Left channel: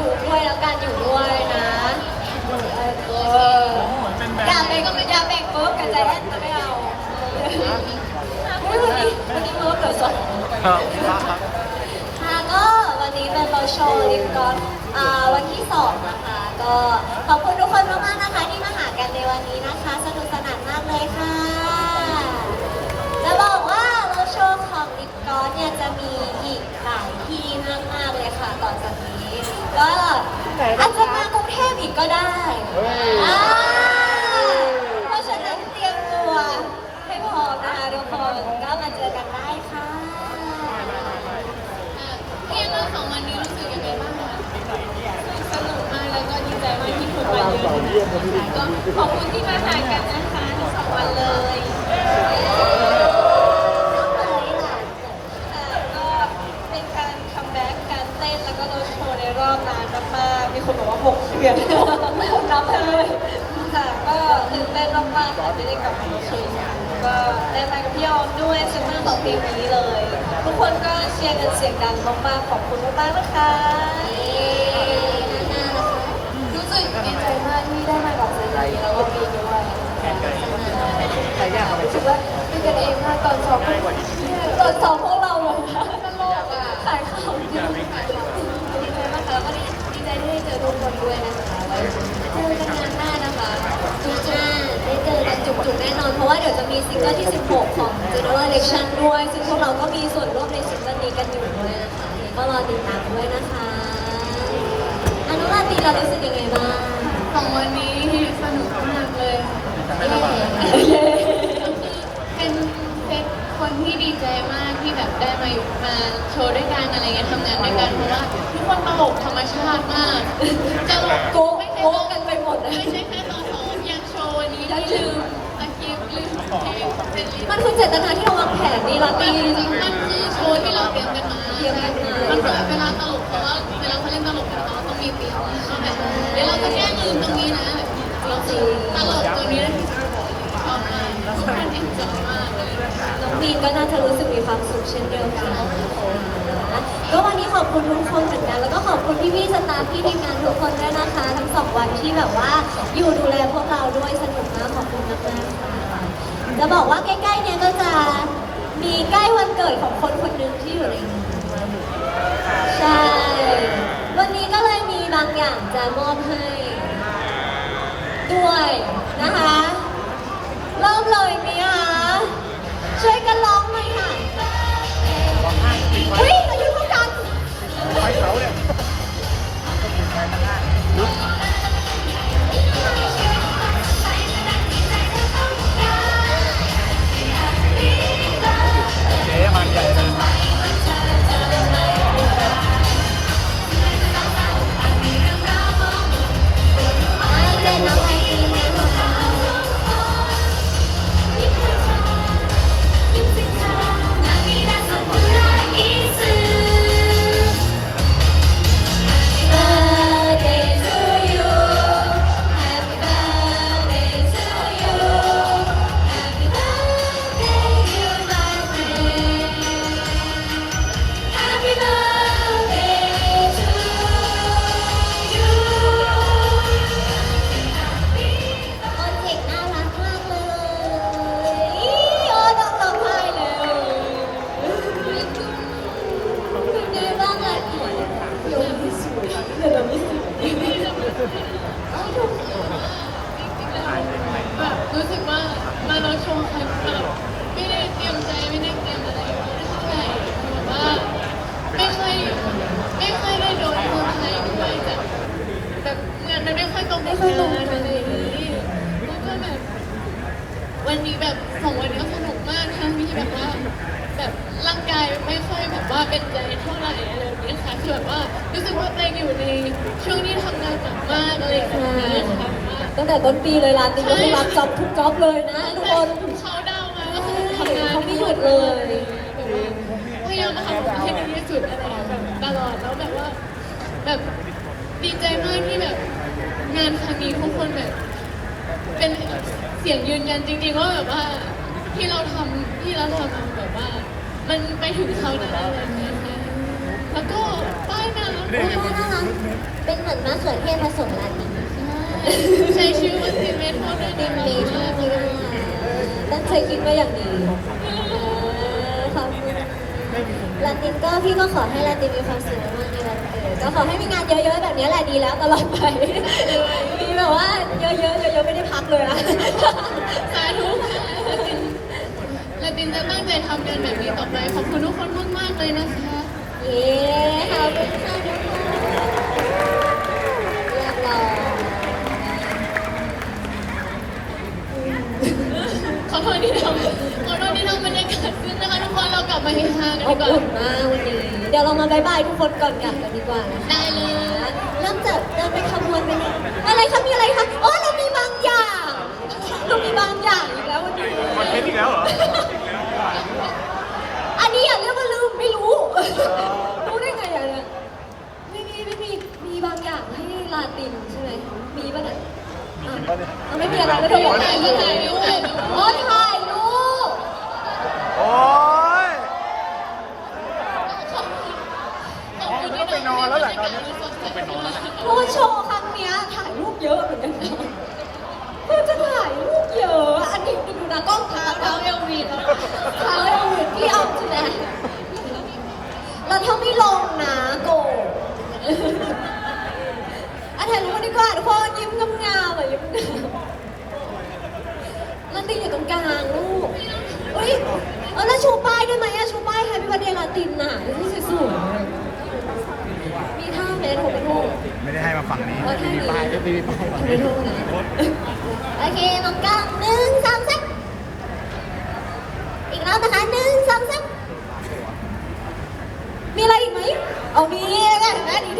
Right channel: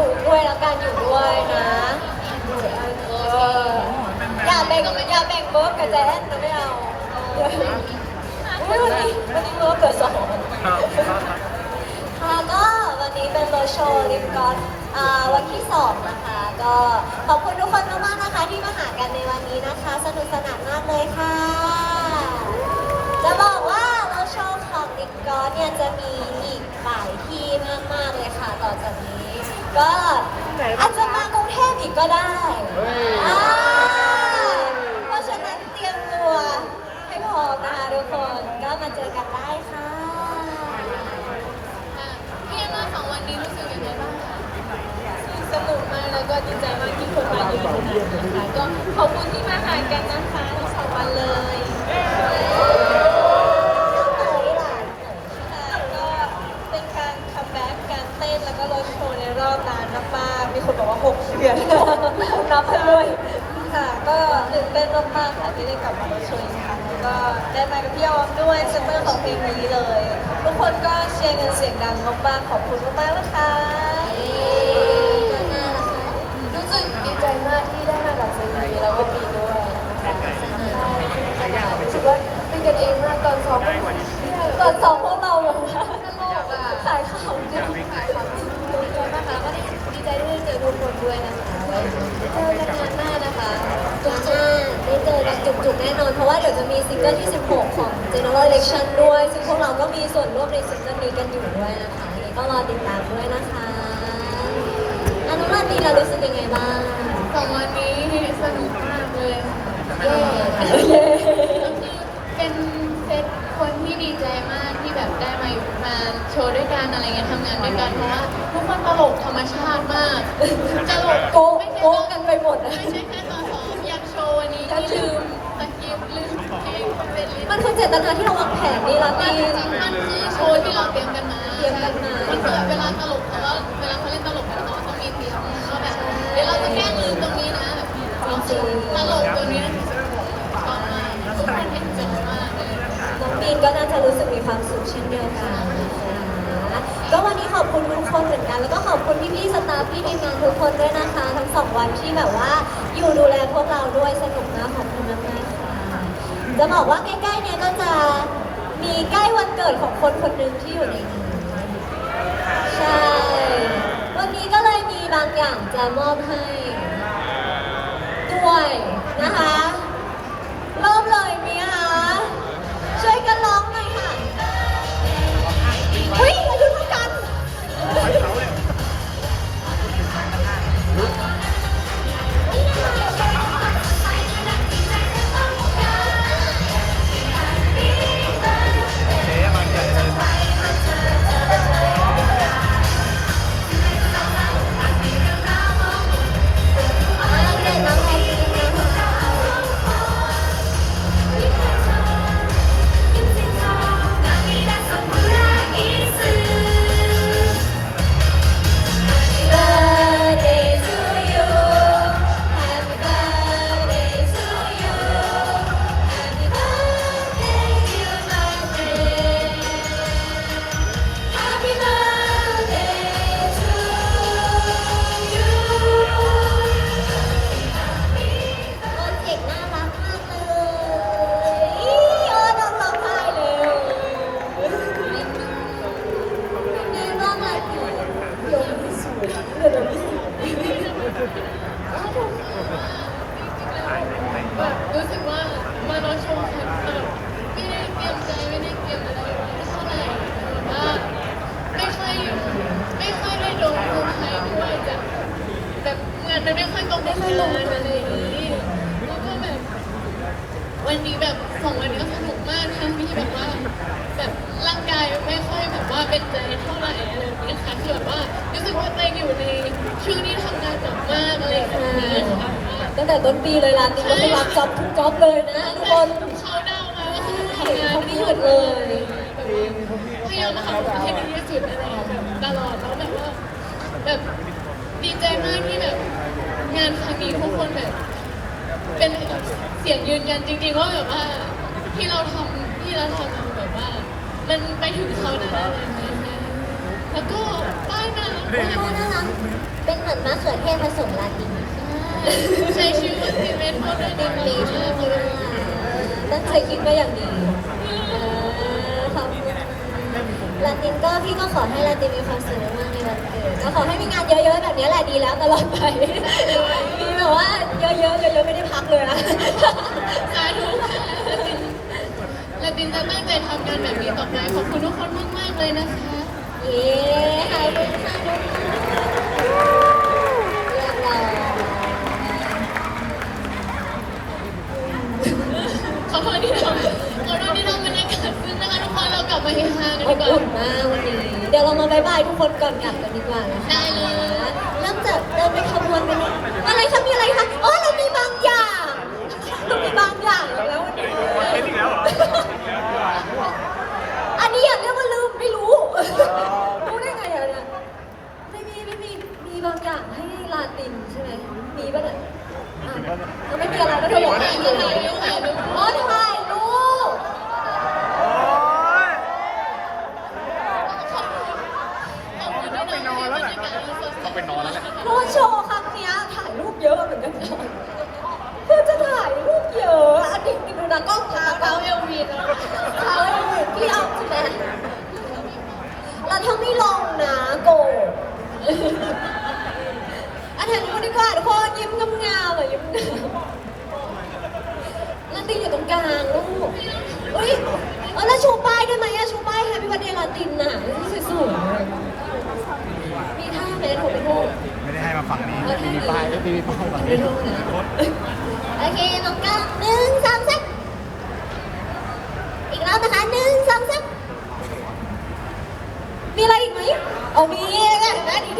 อยู่ด้วยแล้วกันอยู่ด้วยนะอย่าแบ่งอย่าแบ่งเบิร์กกับแจนนะไม่เอาวันนี้วันนี้เบิร์กเหลือสองค่ะก็วันนี้เป็นโรโชว์ลิปกลอสอ่าวันที่สองนะคะ ก็ขอบคุณทุกคนมากๆนะคะที่มาหากันในวันนี้นะคะ สนุกสนานมากเลยค่ะจะบอกว่าโรโชว์ของลิปกลอสเนี่ยจะมีอีกหลายที่มากๆเลยค่ะต่อจากนี้ ก็อาจจะมากรุงเทพอีกก็ได้อ่าเพราะฉะนั้นเตรียมตัวให้พร้อมนะคะทุกคนก็มาเจอกันได้ค่ะพี่แอนนาของวันนี้รู้สึกยังไงบ้างคะสนุกมากเลยก็ดีใจมากที่คนมาเยอะขนาดนี้นะคะก็ขอบคุณที่มาหายกันนะคะทั้งสองวันเลย มากๆมีคนบอกว่า6เดือนนับไปเลยค่ะ ก็ตื่นเต้นมากๆค่ะที่ได้กลับมาโรดโชว์อีกครั้งแล้วก็ได้มากับพี่ออมด้วยเซนเตอร์ของเพลงนี้เลย ทุกคนก็เชียร์กันเสียงดังมากๆขอบคุณมากๆนะคะนานาล่ะคะรู้สึกดีใจมากที่ได้มากับเซนีแล้วก็ปีด้วยรู้สึกว่าเป็นกันเองมากตอนซ้อมก็ตอนสอง เพราะว่าเดี๋ยวจะมีซิงเกิลที่ 16 ของ General Election ด้วย ซึ่งพวกเราก็มีส่วนร่วมในซิงเกิลนี้กันอยู่ด้วยนะคะยังไงก็รอติดตามด้วยนะคะอันน้องลาตีเรารู้สึกยังไงบ้างของวันนี้สนุกมากเลยค่ะเย้เย้เป็นเป็นคนที่ดีใจมากที่แบบได้มาอยู่มาโชว์ด้วยกันอะไรเงี้ยทำงานด้วยกันเพราะว่าทุกคนตลกธรรมชาติมากตลกโกงไม่ใช่โกงกันไปหมดนะไม่ใช่แค่ สคริปต์ลืมเพลงเสร็จลิสต์มันคือเจตนาที่เราวางแผนนี่ลาตีมันคือโชว์ที่เราเตรียมกันมาเตรียมกันมา มันคือเวลาตลกเขาก็เวลาเขาเล่นตลกเขาต้องมีเตรียมว่าแบบเดี๋ยวเราจะแก้ลืมตรงนี้นะแบบตลกตัวนี้ชอบมากทุกคนเอ็นจอยมากเลย น้องมีนก็น่าจะรู้สึกมีความสุขเช่นเดียวกันนะคะก็วัน อบคุณทุกคนเหมือนกัน แล้วก็ขอบคุณพี่พี่สตาฟพี่ทีมงานทุกคนด้วยนะคะ ทั้งสองวันที่แบบว่าอยู่ดูแลพวกเราด้วยสนุกมากขอบคุณมากมากจะบอกว่าใกล้ๆเนี่ยก็จะมีใกล้วันเกิดของคนคนหนึ่งที่อยู่ในนี้ใช่ วันนี้ก็เลยมีบางอย่างจะมอบให้ ด้วยนะคะ ที่แบบว่าแบบร่างกายไม่ค่อยแบบว่าเป็นใจเท่าไหร่อะไรแบบนี้ค่ะคือแบบว่ารู้สึกว่าตัวเองอยู่ในช่วงที่ทำงานหนักมากอะไรแบบนี้ค่ะ ตั้งแต่ต้นปีเลยร้านนี้ก็คือรับจ็อบทุกจ็อบเลยนะทุกคน เขาเดาวมาก็คือทำงานเขาไม่หยุดเลยแบบว่าพยายามทำออกมให้ดีที่สุดอะไรแบบตลอดแล้วแบบว่า แบบดีใจมากที่แบบ งานครั้งนี้ทุกคนแบบ เป็นเสียงยืนยันจริงๆว่าแบบว่าที่เราทำ ที่เราทำมันแบบว่า มันไปถึงเขาได้อะไรอย่างเงี้ยแล้วก็ป้ายน่ารักมากน่ารักเป็นเหมือนมะเขือเทศผสมลาตินใช้ชื่อว่าซีเมนต์เขาด้วยติดีนมากมีชื่อเขาด้วยตั้งใจคิดมาอย่างดีเออขอบคุณลาตินก็พี่ก็ขอให้ลาตินมีความสุขมากในวันเกิดก็ขอให้มีงานเยอะๆแบบนี้แหละดีแล้วตลอดไปมีแบบว่าเยอะๆเยอะๆไม่ได้พักเลยนะสาธุละติน ละตินจะตั้งใจทำงานแบบนี้ต่อไป ขอบคุณทุกคนมากๆเลยนะคะ เย้ขอบคุณค่ะทุกคนเรียบร้อยขอบคุณที่ทำขอบคุณที่ทำบรรยากาศขึ้นนะคะทุกคนเรากลับมาเฮฮากันอดีบกว่า อุ่นมากวันนี้ เดี๋ยวเรามาบายบายทุกคนก่อนกลับกันดีกว่านะคะได้เลย เริ่มจากเดินไปขบวนไปเลยอะไรคะมีอะไรคะอ๋อเรามีบางอย่างเรามีบางอย่างอีกแล้ววันนี้อันนี้อย่าเรียกว่าลืมไม่รู้ รู้ได้ไงอะเนี่ยไม่มีไม่มีมีบางอย่างให้ลาตินใช่ไหมมีป่ะเนี่ยอะอะไม่มีอะไรแล้วเธอบอกไม่มีอะไรอ๋อถ่ายรูป โอ้ย ขอบคุณ ขอบคุณที่ทำให้บรรยากาศเราสดใสขึ้นมาเพราะว่าโชว์ครั้งเนี้ยถ่ายรูปเยอะเหมือนกันนะคือจะถ่ายรูปเยอะอันนี้ดูนะกล้องเท้าเท้าเอลวีนแล้วเท้าเอาอยู่ที่เอาใช่ไหมเราถ้าไม่ลงนะโกอะถ่ายรูปดีกว่าทุกคนยิ้มงามๆอะยิ้มงามลาตินอยู่ตรงกลางลูกอุ้ยเออแล้วชูป้ายได้ไหมอะชูป้ายแฮปปี้วันเดย์ลาตินน่ะนี่สวยๆมีท่าไหมโทรไปโทร ไม่ได้ให้มาฝั่งนี้เออท่ามีป้ายก็มีป้ายฝั่งไม่นี้โอเคน้องก้าวหนึ่งสองสามอีกรอบนะคะหนึ่งสองสามมีอะไรอีกไหมเอามีแล้วกันแม่ดี